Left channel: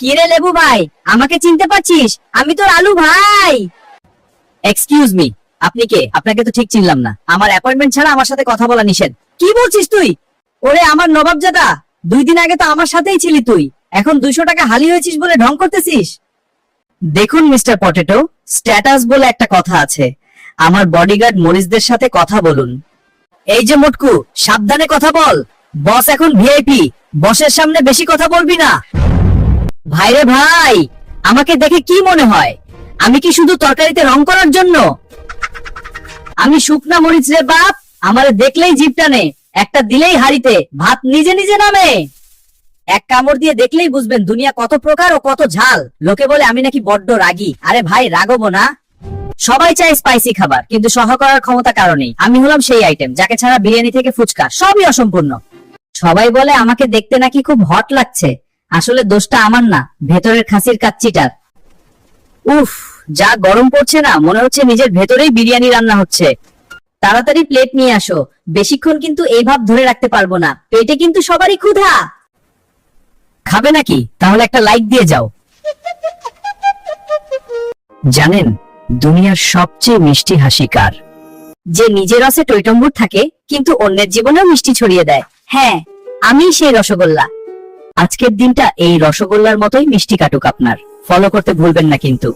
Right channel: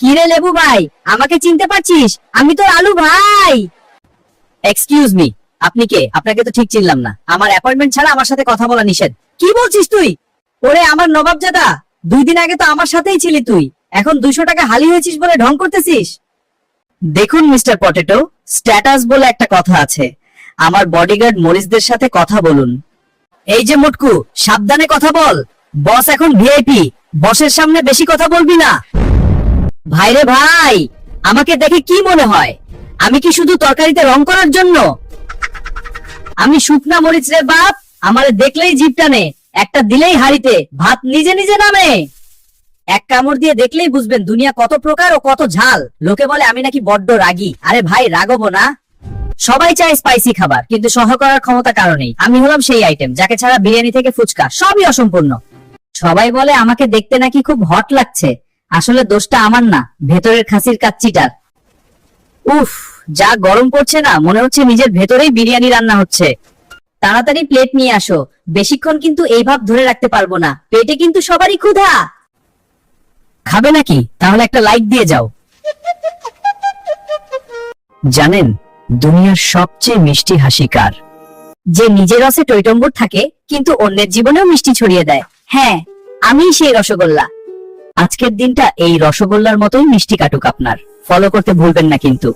কি রে লেবু ভাই, আমাকে চিনতে পারছিস? আমি তোর আলু ভাই। এক্সকিউজ মি, আপনি কে? আপনাকে তো ঠিক চিনলাম না। আমার অ্যাপয়েন্টমেন্ট ছাড়া আমার সাথে কথা বলা নিষেধ। কি বলছিস তুই? ওরে আমার নবাবজাদা, 2 দিন আগে তো আমার সাথেই ছিলি তুই, এখন 200 টাকা হালি হয়েছিস বলে ঢং করতেছিস? দেখুন মিস্টার পটেটো, স্ট্যাটাস বলে একটা কথা আছে। আমার বডিগার্ড মরিসদের সাথে কথা বলুন। এই যে মুটকু, সাবধানে কথা বল। বস এখন ভিআইপি, বসের সামনে বেশি কথা বলবি না। ভাইরে ভাই, আমাকে দেখে কি মনে হয়? আমি কি শুধু তরকারিতে রং করার জন্য? আমি শুকনা মরিচ রে বাপ, আমারে দেখলেই জিভ টানে। একটা দিলেই হাড়িতে ভাত নিজে নিজে নামে। এক কামড় দিয়ে দেখলেই বুঝবেন দুনিয়া কত প্রকার ও কত ঝাল। লোকে বলে আমি নাকি বড্ড রাগী। আরে ভাই, রাগবো না। সবাই চায় স্পাইসি খাবার, কিন্তু সহ করার ক্ষমতা কারণেই আমি হলাম সেই আইটেম যাকে ছাড়া বিরিয়ানি থেকে ফুচকা সবই অসম্পূর্ণ। সবাই বলে আমাকে দেখতে নাকি খুব হট লাগছে। আসলে দোষটা আমার না, ভেতরের খাসির কাচ্চিটার। উফ, যা গরম পড়ছে না, মনে হচ্ছে নিজের ভেতরেই বিরিয়ানি রান্না হচ্ছে। তাড়াতাড়ি প্লেট নিয়ে আসো, বেশিক্ষণ কিন্তু এই ভাব ধরে রাখতে পারবো না। পেটে কিন্তু সবারই ক্ষুধা। খাবে নাকি? তাহলে একটা লাইক দিয়ে যাও। জানেন, দুনিয়ার সবচেয়ে মিষ্টি হাসি কার? যে নিজের রসে টইটম্বুর থাকে কিন্তু অন্যের জীবনেও মিষ্টি ছড়িয়ে দেয়। হ্যাঁ, আমি সেই রসগোল্লা। আজকের দিনটা এই রসগোল্লার মতোই মিষ্টি কাটুক আপনার। ফলো করতে ভুলবেন না কিন্তু।